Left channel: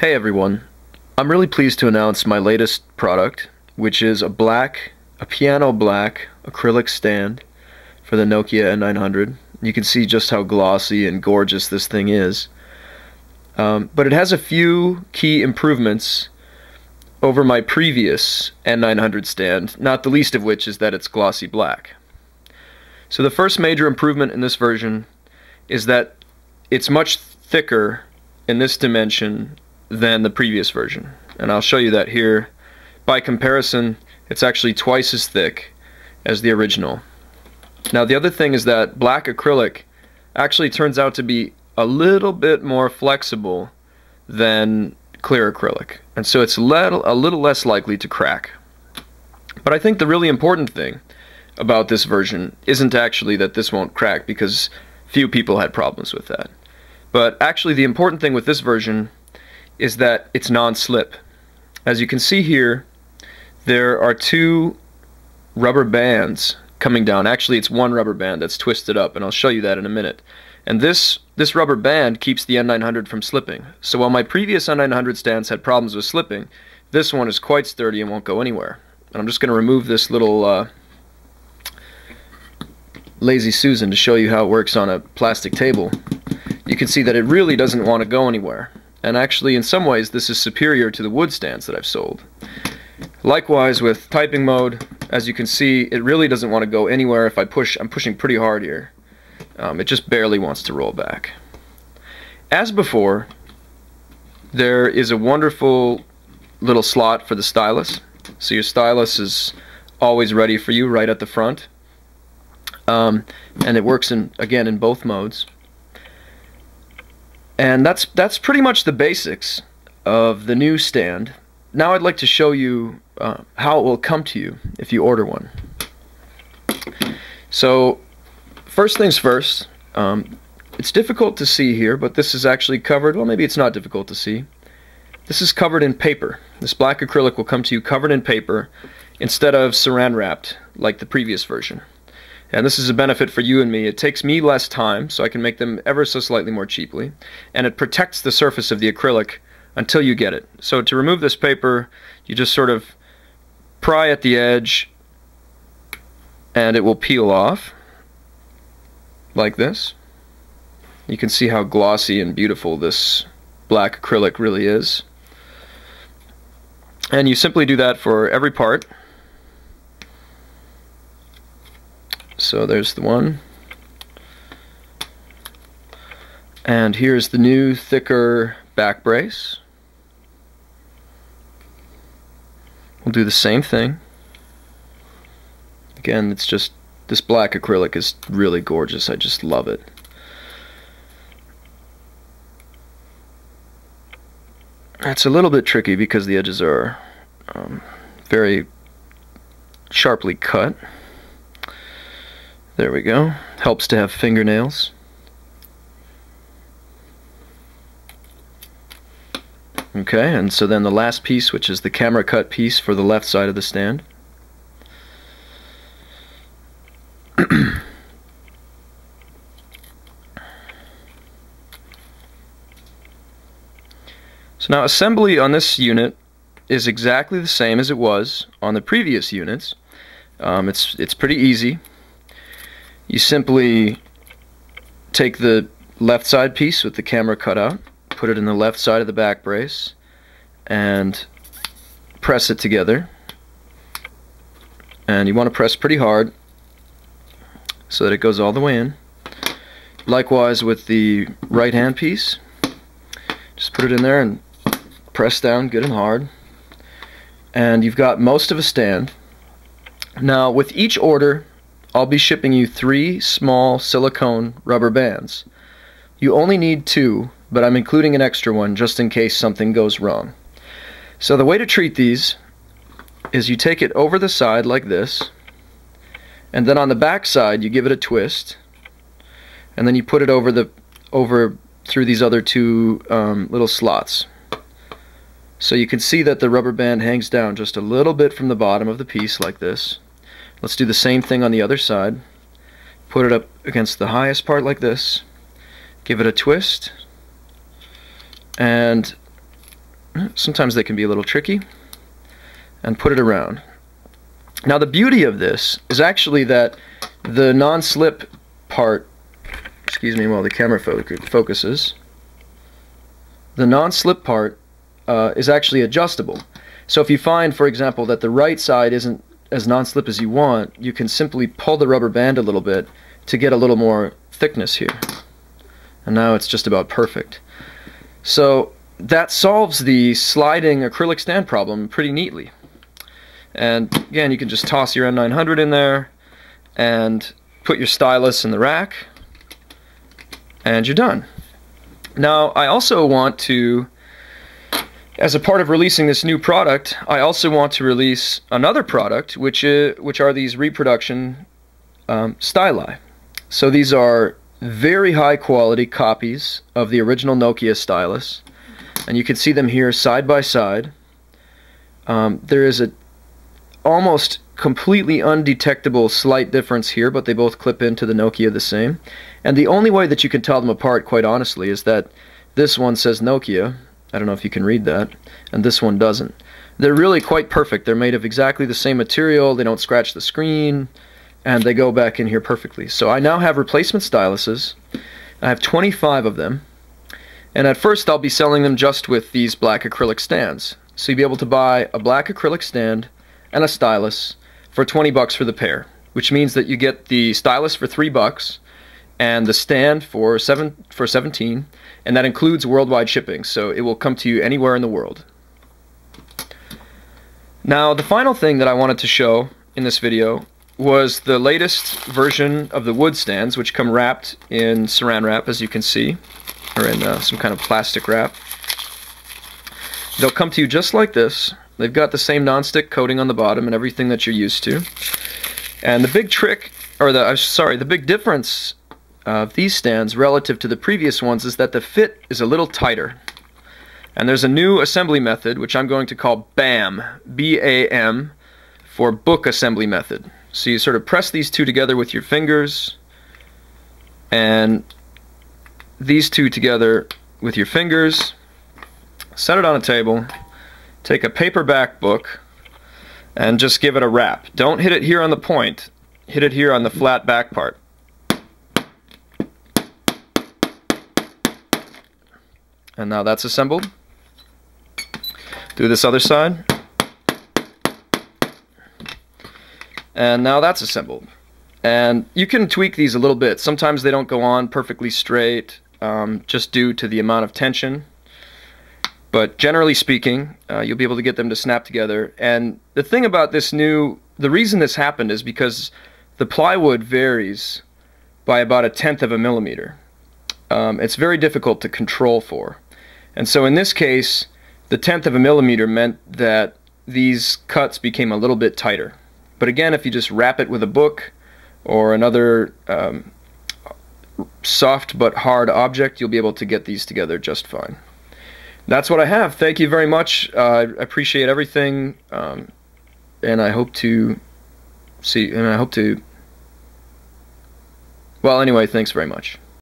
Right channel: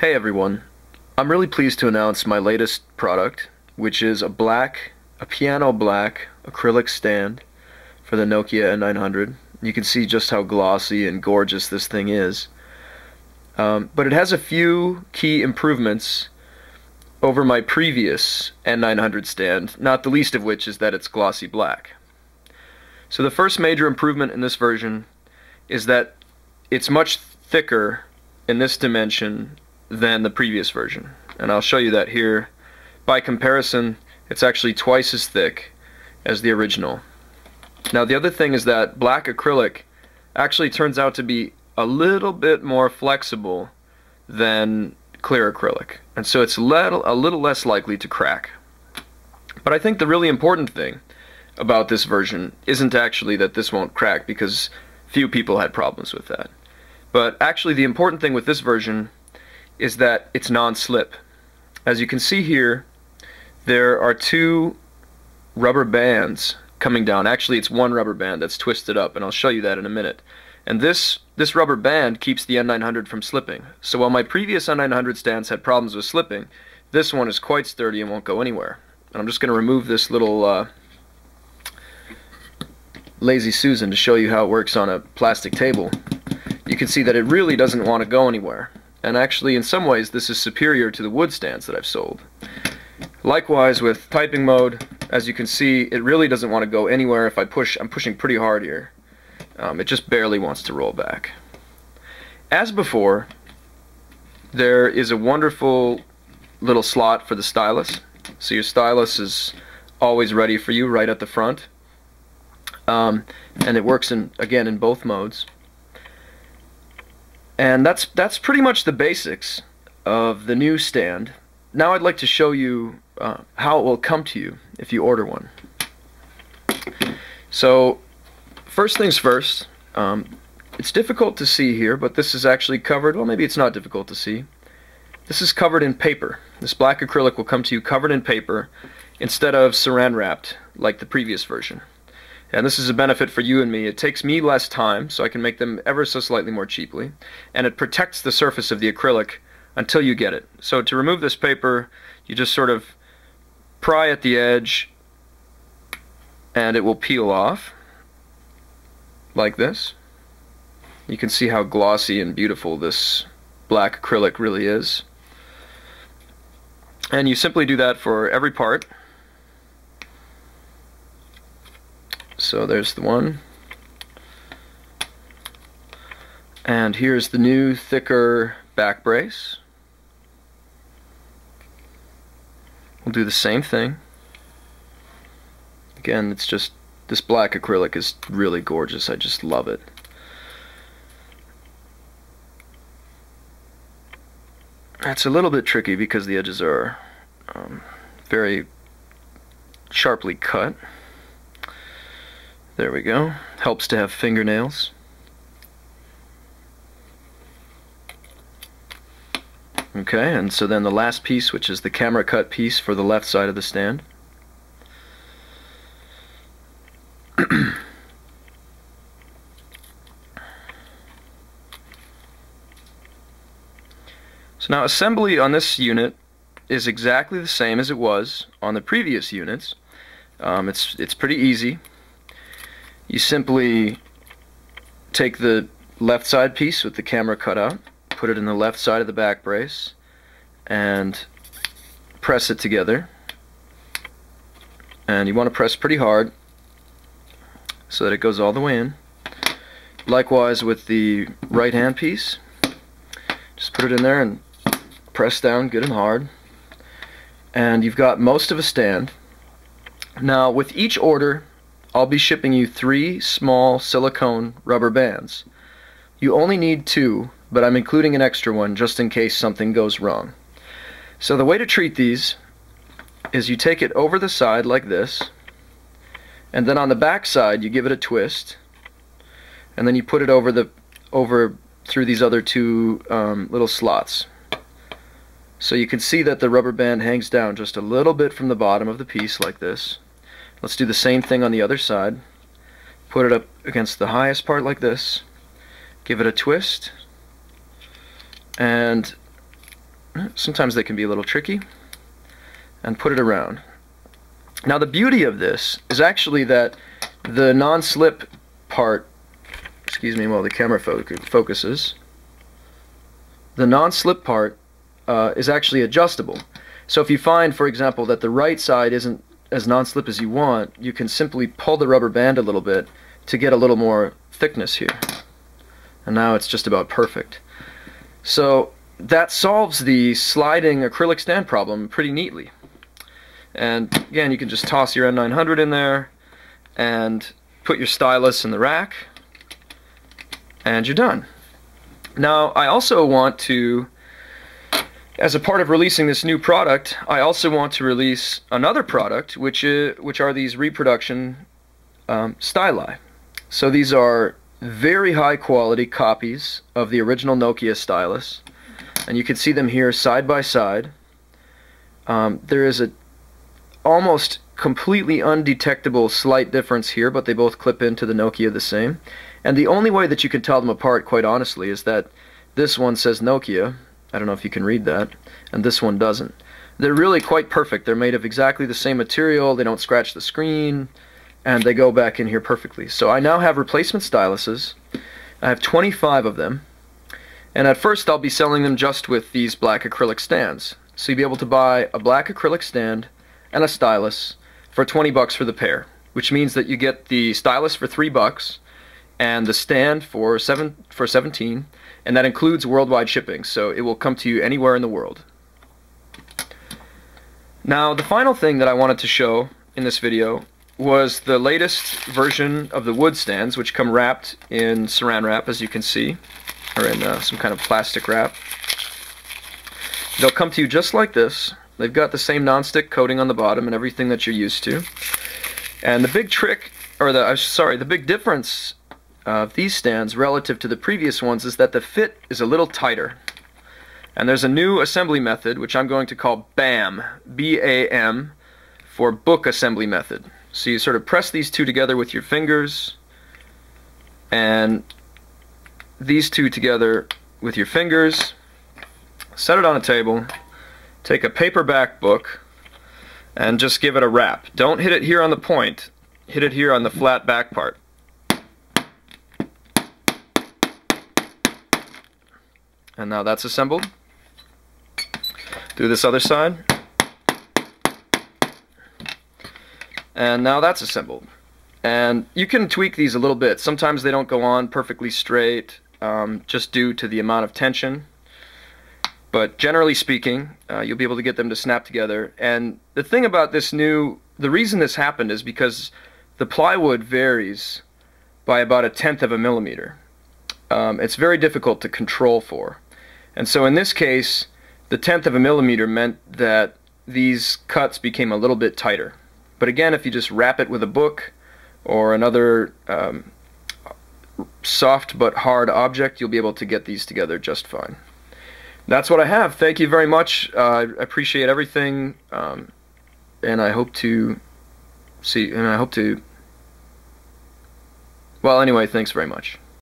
Hey everyone, I'm really pleased to announce my latest product, which is a piano black acrylic stand for the Nokia N900. You can see just how glossy and gorgeous this thing is. But it has a few key improvements over my previous N900 stand, not the least of which is that it's glossy black. So the first major improvement in this version is that it's much thicker in this dimension than the previous version, and I'll show you that here. By comparison, it's actually twice as thick as the original. Now the other thing is that black acrylic actually turns out to be a little bit more flexible than clear acrylic, and so it's a little less likely to crack. But I think the really important thing about this version isn't actually that this won't crack, because few people had problems with that. But actually the important thing with this version is that it's non-slip. As you can see here, there are two rubber bands coming down. Actually, it's one rubber band that's twisted up, and I'll show you that in a minute. And this rubber band keeps the N900 from slipping. So while my previous N900 stands had problems with slipping, this one is quite sturdy and won't go anywhere. And I'm just going to remove this little Lazy Susan to show you how it works on a plastic table. You can see that it really doesn't want to go anywhere. And actually, in some ways, this is superior to the wood stands that I've sold. Likewise, with typing mode, as you can see, it really doesn't want to go anywhere. If I push, I'm pushing pretty hard here. It just barely wants to roll back. As before, there is a wonderful little slot for the stylus. So your stylus is always ready for you right at the front. And it works, again, in both modes. And that's pretty much the basics of the new stand. Now I'd like to show you how it will come to you if you order one. So first things first, it's difficult to see here, but this is actually covered, well, maybe it's not difficult to see. This is covered in paper. This black acrylic will come to you covered in paper instead of saran wrapped like the previous version. And this is a benefit for you and me. It takes me less time, so I can make them ever so slightly more cheaply. And it protects the surface of the acrylic until you get it. So to remove this paper, you just sort of pry at the edge, and it will peel off, like this. You can see how glossy and beautiful this black acrylic really is. And you simply do that for every part. So there's the one. And here's the new, thicker back brace. We'll do the same thing. Again, it's just, this black acrylic is really gorgeous. I just love it. It's a little bit tricky because the edges are very sharply cut. There we go. Helps to have fingernails. Okay, and so then the last piece, which is the camera cut piece for the left side of the stand. So now assembly on this unit is exactly the same as it was on the previous units. It's pretty easy. You simply take the left side piece with the camera cut out, put it in the left side of the back brace, and press it together. And you want to press pretty hard so that it goes all the way in. Likewise with the right hand piece, just put it in there and press down good and hard. And you've got most of a stand. Now with each order, I'll be shipping you 3 small silicone rubber bands. You only need 2, but I'm including an extra one just in case something goes wrong. So the way to treat these is you take it over the side like this, and then on the back side you give it a twist, and then you put it over through these other 2 little slots. So you can see that the rubber band hangs down just a little bit from the bottom of the piece like this. Let's do the same thing on the other side. Put it up against the highest part like this. Give it a twist. And sometimes they can be a little tricky, and put it around. Now the beauty of this is actually that the non-slip part, excuse me while the camera focuses, the non-slip part is actually adjustable. So if you find, for example, that the right side isn't as non-slip as you want, you can simply pull the rubber band a little bit to get a little more thickness here. And now it's just about perfect. So that solves the sliding acrylic stand problem pretty neatly. And again, you can just toss your N900 in there and put your stylus in the rack, and you're done. Now, I also want to, as a part of releasing this new product, I also want to release another product, which are these reproduction styli. So these are very high quality copies of the original Nokia Stylus, and you can see them here side by side. There is a almost completely undetectable slight difference here, but they both clip into the Nokia the same. And the only way that you can tell them apart, quite honestly, is that this one says Nokia, I don't know if you can read that, and this one doesn't. They're really quite perfect. They're made of exactly the same material, they don't scratch the screen, and they go back in here perfectly. So I now have replacement styluses. I have 25 of them, and at first I'll be selling them just with these black acrylic stands. So you'll be able to buy a black acrylic stand and a stylus for 20 bucks for the pair, which means that you get the stylus for 3 bucks and the stand for 17, and that includes worldwide shipping, so it will come to you anywhere in the world. Now, the final thing that I wanted to show in this video was the latest version of the wood stands, which come wrapped in saran wrap, as you can see, or in some kind of plastic wrap. They'll come to you just like this. They've got the same non-stick coating on the bottom and everything that you're used to. And the big trick, or the big difference of these stands relative to the previous ones is that the fit is a little tighter. And there's a new assembly method, which I'm going to call BAM, B-A-M, for book assembly method. So you sort of press these two together with your fingers, and these two together with your fingers, set it on a table, take a paperback book, and just give it a wrap. Don't hit it here on the point, hit it here on the flat back part. And now that's assembled. Do this other side. And now that's assembled. And you can tweak these a little bit. Sometimes they don't go on perfectly straight, just due to the amount of tension. But generally speaking, you'll be able to get them to snap together. And the thing about this the reason this happened is because the plywood varies by about 1/10 of a millimeter. It's very difficult to control for. And so in this case, the 1/10 of a millimeter meant that these cuts became a little bit tighter. But again, if you just wrap it with a book or another soft but hard object, you'll be able to get these together just fine. That's what I have. Thank you very much. I appreciate everything, and I hope to see. Well, anyway, thanks very much.